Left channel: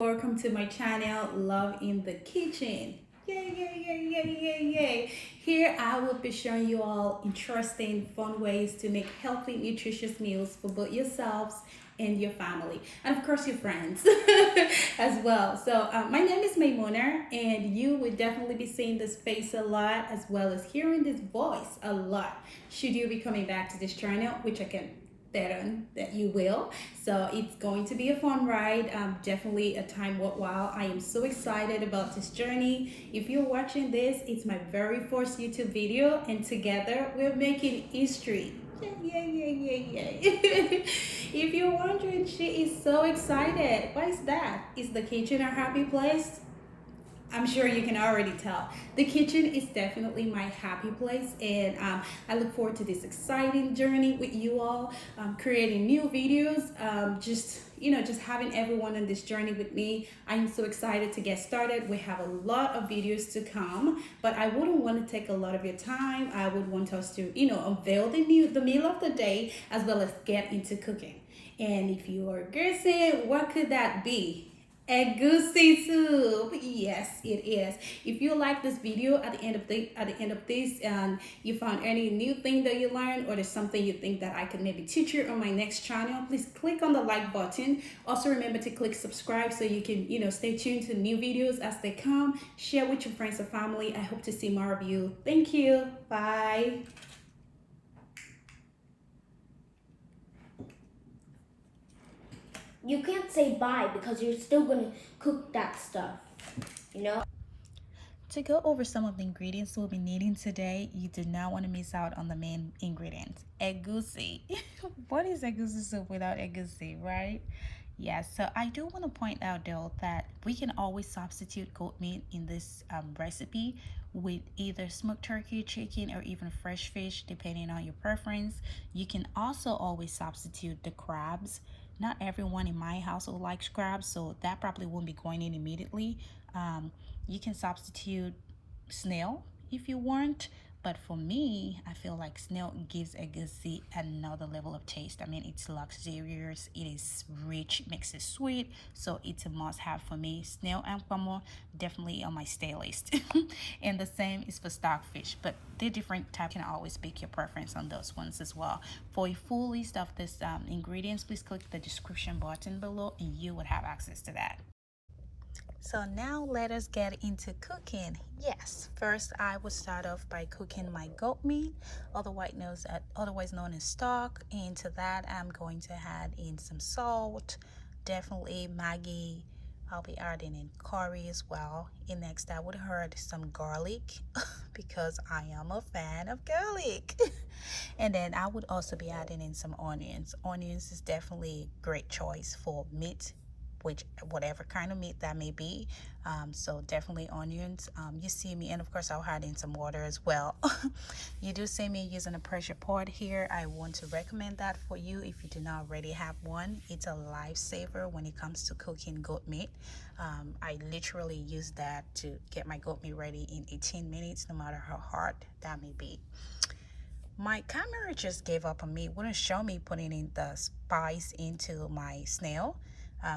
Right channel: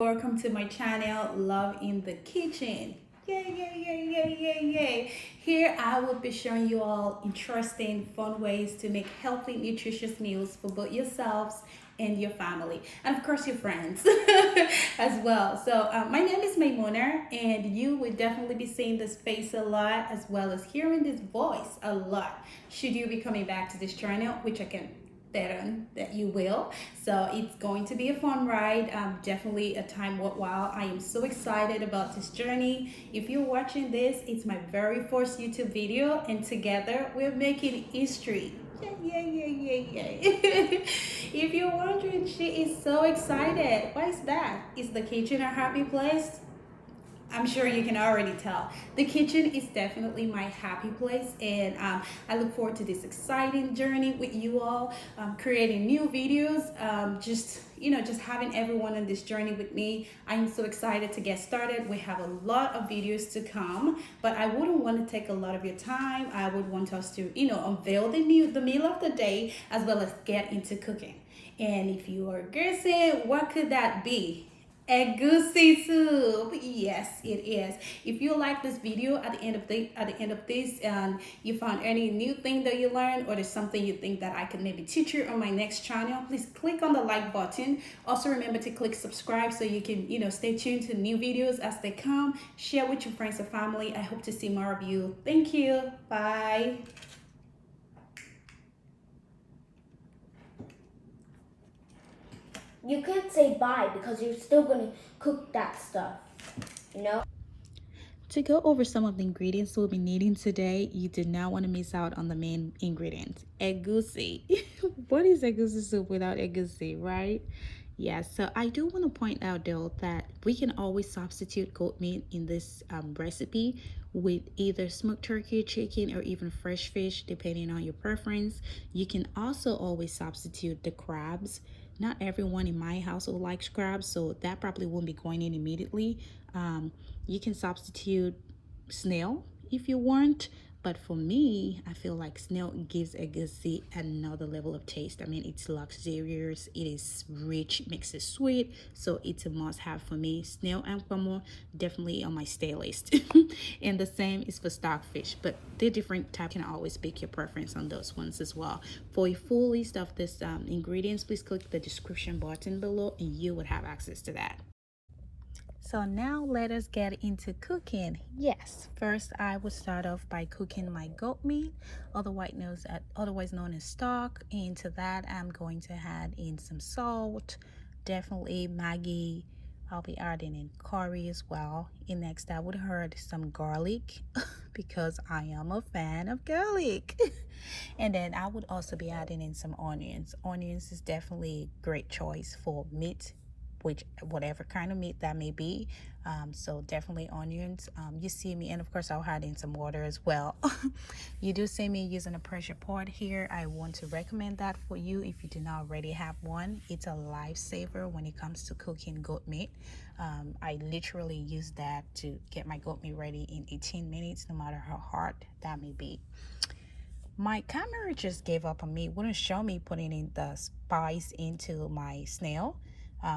Welcome to my channel, Love in the Kitchen. Yay, yay, yay, yay, yay, yay. Here I will be showing you all interesting, fun ways to make healthy, nutritious meals for both yourselves and your family, and of course your friends as well. So my name is Maimuna, and you will definitely be seeing this face a lot as well as hearing this voice a lot should you be coming back to this channel, which I can bet on that you will. So it's going to be a fun ride, definitely a time worthwhile. I am so excited about this journey. If you're watching this, it's my very first YouTube video, and together we're making history. Yay, yay, yay, yay, yay. If you're wondering, she is so excited. Why is that? Is the kitchen a happy place? I'm sure you can already tell. The kitchen is definitely my happy place, and I look forward to this exciting journey with you all, creating new videos, just having everyone on this journey with me. I'm so excited to get started. We have a lot of videos to come, but I wouldn't want to take a lot of your time. I would want us to, unveil the meal of the day as well as get into cooking. And if you are guessing, what could that be? Egusi soup. Yes, it is. If you like this video at the end of this, and you found any new thing that you learned, or there's something you think that I could maybe teach you on my next channel, please click on the like button. Also remember to click subscribe so you can stay tuned to new videos as they come. Share with your friends and family. I hope to see more of you. Thank you. Bye. You can't say bye because you're still going to cook that stuff, you know? To go over some of the ingredients we'll be needing today, you do not want to miss out on the main ingredient, egusi. What is egusi soup without egusi, right? Yes, so I do want to point out though that we can always substitute goat meat in this recipe with either smoked turkey, chicken, or even fresh fish, depending on your preference. You can also always substitute the crabs. Not everyone in my household likes crabs, so that probably won't be going in immediately. You can substitute snail if you want, but for me, I feel like snail gives egusi another level of taste. I mean, it's luxurious, it is rich, makes it sweet, so it's a must-have for me. Snail and Pomo definitely on my stay list. And the same is for stockfish, but the different type can always pick your preference on those ones as well. For a full list of this ingredients, please click the description button below and you would have access to that. So now let us get into cooking. Yes, first I will start off by cooking my goat meat, otherwise known as stock. Into that I'm going to add in some salt, definitely Maggie. I'll be adding in curry as well. And next I would add some garlic because I am a fan of garlic. And then I would also be adding in some onions. Onions is definitely a great choice for meat, which whatever kind of meat that may be. So definitely onions. You see me, and of course I'll add in some water as well. You do see me using a pressure pot here. I want to recommend that for you if you do not already have one. It's a lifesaver when it comes to cooking goat meat. I literally use that to get my goat meat ready in 18 minutes, no matter how hard that may be. My camera just gave up on me, wouldn't show me putting in the spice into my snail.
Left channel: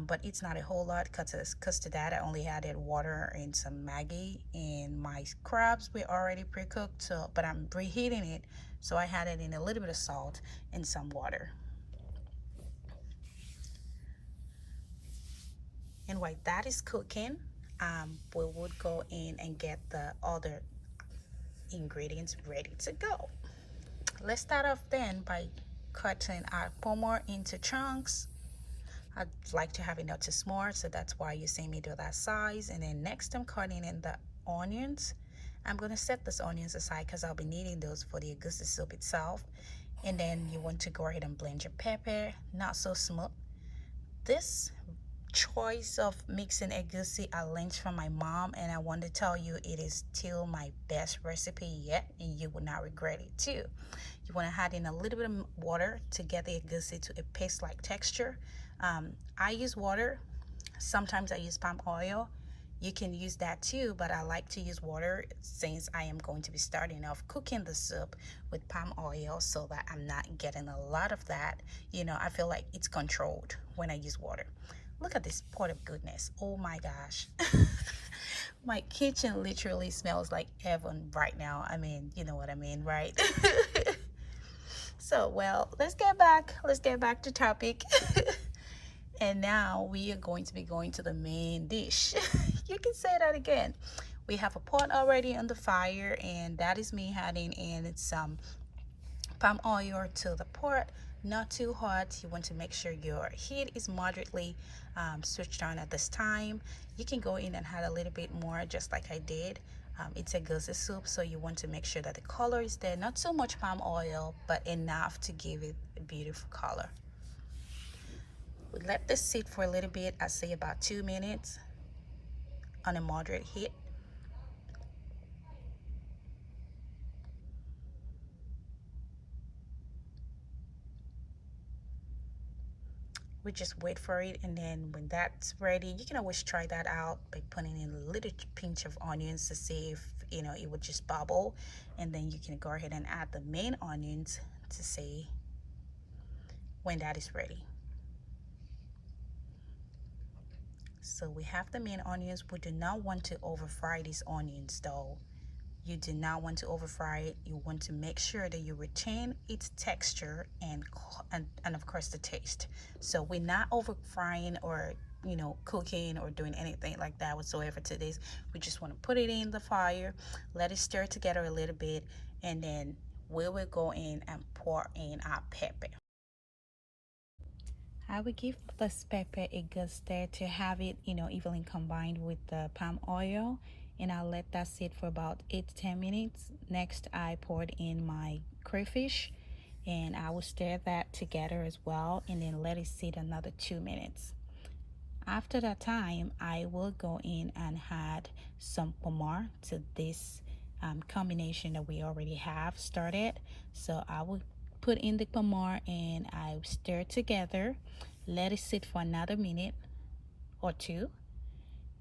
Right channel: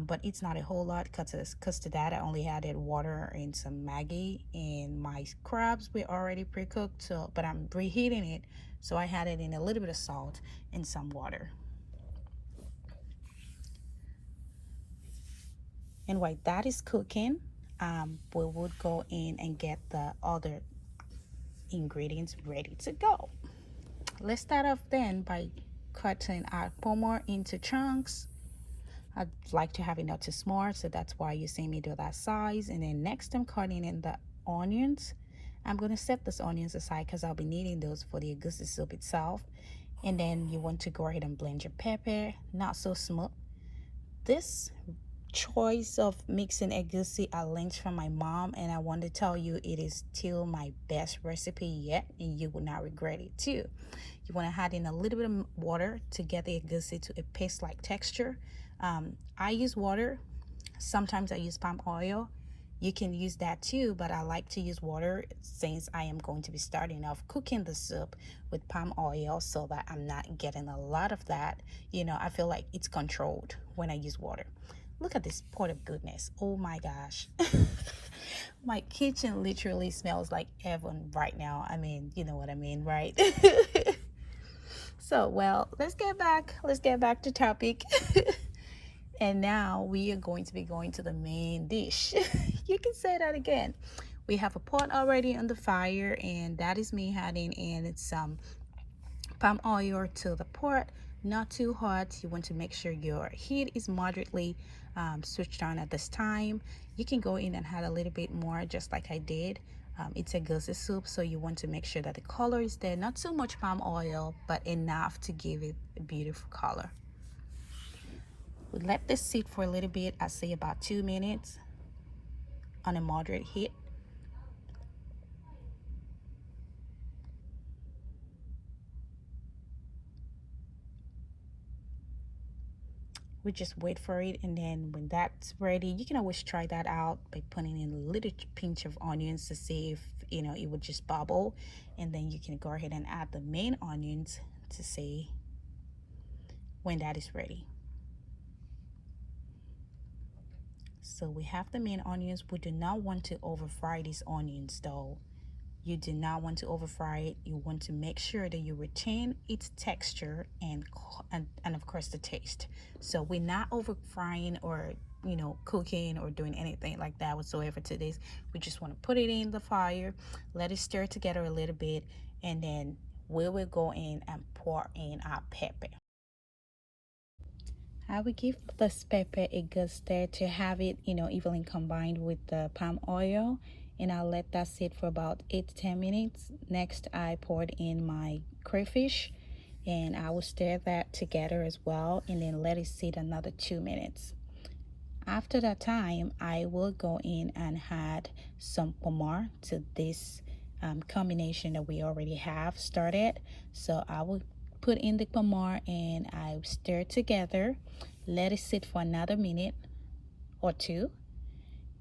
But it's not a whole lot because to that I only added water and some Maggie, and my crabs were already pre-cooked, so but I'm reheating it, so I added in a little bit of salt and some water. And while that is cooking, we would go in and get the other ingredients ready to go. Let's start off then by cutting our pomo into chunks. I'd like to have it not too small, so that's why you see me do that size. And then next I'm cutting in the onions. I'm going to set these onions aside because I'll be needing those for the egusi soup itself. And then you want to go ahead and blend your pepper, not so smooth. This choice of mixing egusi I learned from my mom, and I want to tell you it is still my best recipe yet, and you will not regret it too. You want to add in a little bit of water to get the egusi to a paste-like texture. I use water. Sometimes I use palm oil. You can use that too, but I like to use water since I am going to be starting off cooking the soup with palm oil, so that I'm not getting a lot of that. I feel like it's controlled when I use water. Look at this pot of goodness. Oh my gosh. My kitchen literally smells like heaven right now. I mean, you know what I mean, right? So, well, let's get back to topic. And now we are going to be going to the main dish. You can say that again. We have a pot already on the fire, and that is me adding in some palm oil to the pot. Not too hot. You want to make sure your heat is moderately switched on at this time. You can go in and add a little bit more, just like I did. It's egusi soup, so you want to make sure that the color is there. Not too much palm oil, but enough to give it a beautiful color. We let this sit for a little bit. I say about 2 minutes on a moderate heat. We just wait for it, and then when that's ready, you can always try that out by putting in a little pinch of onions to see if it would just bubble, and then you can go ahead and add the main onions to see when that is ready. So we have the main onions. We do not want to over fry these onions though. You do not want to over fry it. You want to make sure that you retain its texture and of course the taste. So we're not over frying or cooking or doing anything like that whatsoever to this. We just want to put it in the fire, let it stir together a little bit, and then we will go in and pour in our pepper. I would give this pepper a good stir to have it, evenly combined with the palm oil, and I'll let that sit for about 8 to 10 minutes. Next, I poured in my crayfish, and I will stir that together as well, and then let it sit another 2 minutes. After that time, I will go in and add some Pomo to this combination that we already have started. So I will put in the Pomo and I stir together, let it sit for another minute or two.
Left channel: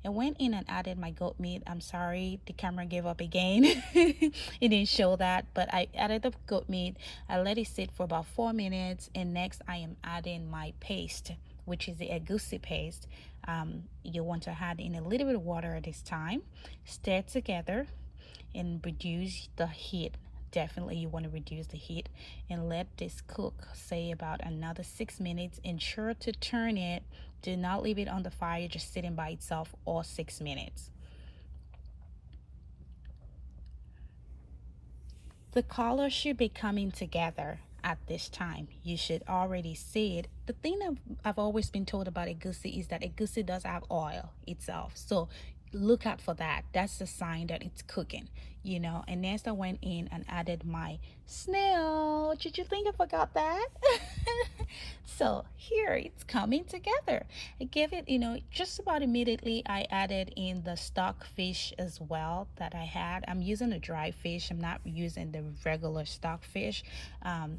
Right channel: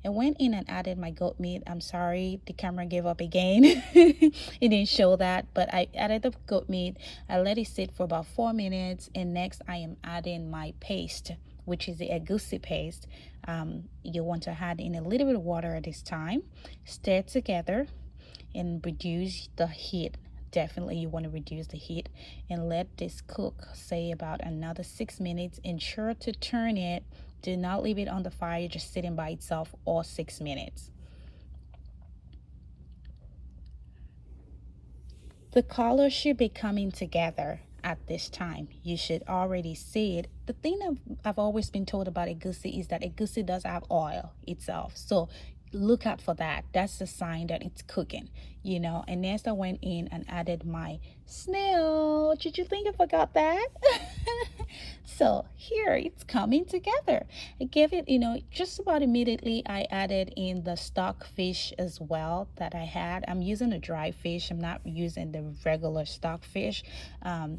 I went in and added my goat meat. I'm sorry, the camera gave up again. It didn't show that, but I added the goat meat. I let it sit for about 4 minutes, and next I am adding my paste, which is the egusi paste. You want to add in a little bit of water at this time. Stir together and reduce the heat. Definitely you want to reduce the heat and let this cook, say about another 6 minutes. Ensure to turn it. Do not leave it on the fire just sitting by itself all 6 minutes. The color should be coming together at this time. You should already see it. The thing that I've always been told about egusi is that egusi does have oil itself, so look out for that. That's the sign that it's cooking, and next I went in and added my snail. Did you think I forgot that? So here it's coming together. I gave it, just about immediately I added in the stock fish as well that I had. I'm using a dry fish. I'm not using the regular stock fish.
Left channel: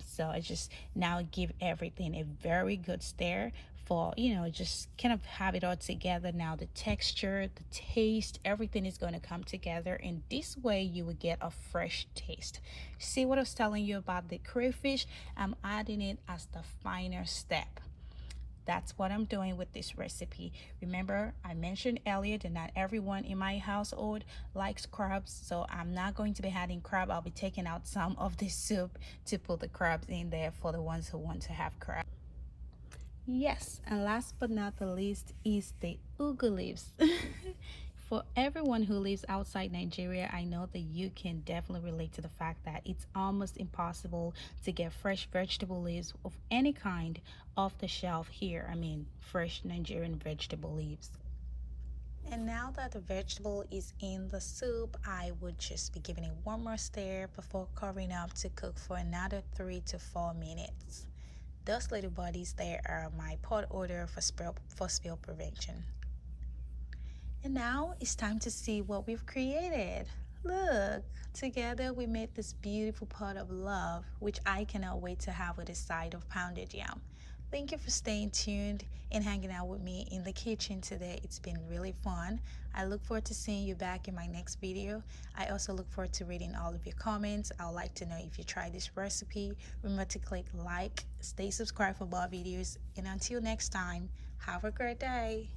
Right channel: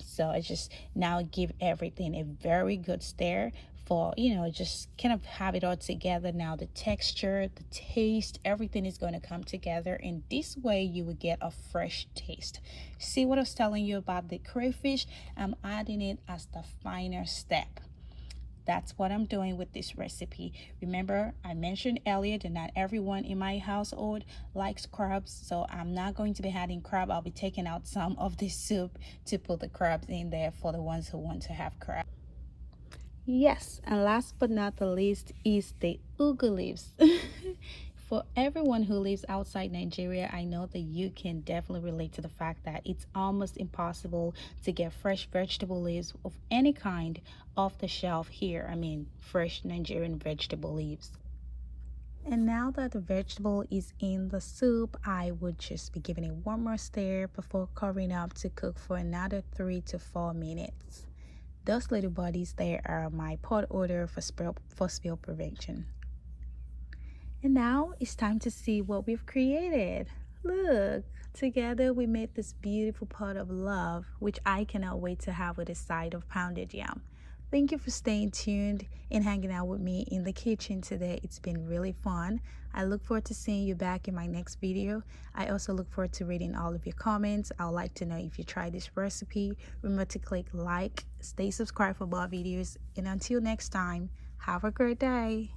So I just now give everything a very good stir for, just kind of have it all together. Now the texture, the taste, everything is going to come together, and this way you will get a fresh taste. See what I was telling you about the crayfish? I'm adding it as the final step. That's what I'm doing with this recipe. Remember, I mentioned earlier that not everyone in my household likes crabs, so I'm not going to be adding crab. I'll be taking out some of this soup to put the crabs in there for the ones who want to have crab. Yes, and last but not the least is the ugu leaves. For everyone who lives outside Nigeria, I know that you can definitely relate to the fact that it's almost impossible to get fresh vegetable leaves of any kind off the shelf here. I mean, fresh Nigerian vegetable leaves. And now that the vegetable is in the soup, I would just be giving it one more stir before covering up to cook for another 3 to 4 minutes. Those little bodies there are my pot order for spill prevention. And now it's time to see what we've created. Look, together we made this beautiful pot of love, which I cannot wait to have with a side of pounded yam. Thank you for staying tuned and hanging out with me in the kitchen today. It's been really fun. I look forward to seeing you back in my next video. I also look forward to reading all of your comments. I would like to know if you tried this recipe. Remember to click like, stay subscribed for more videos, and until next time, Have a great day.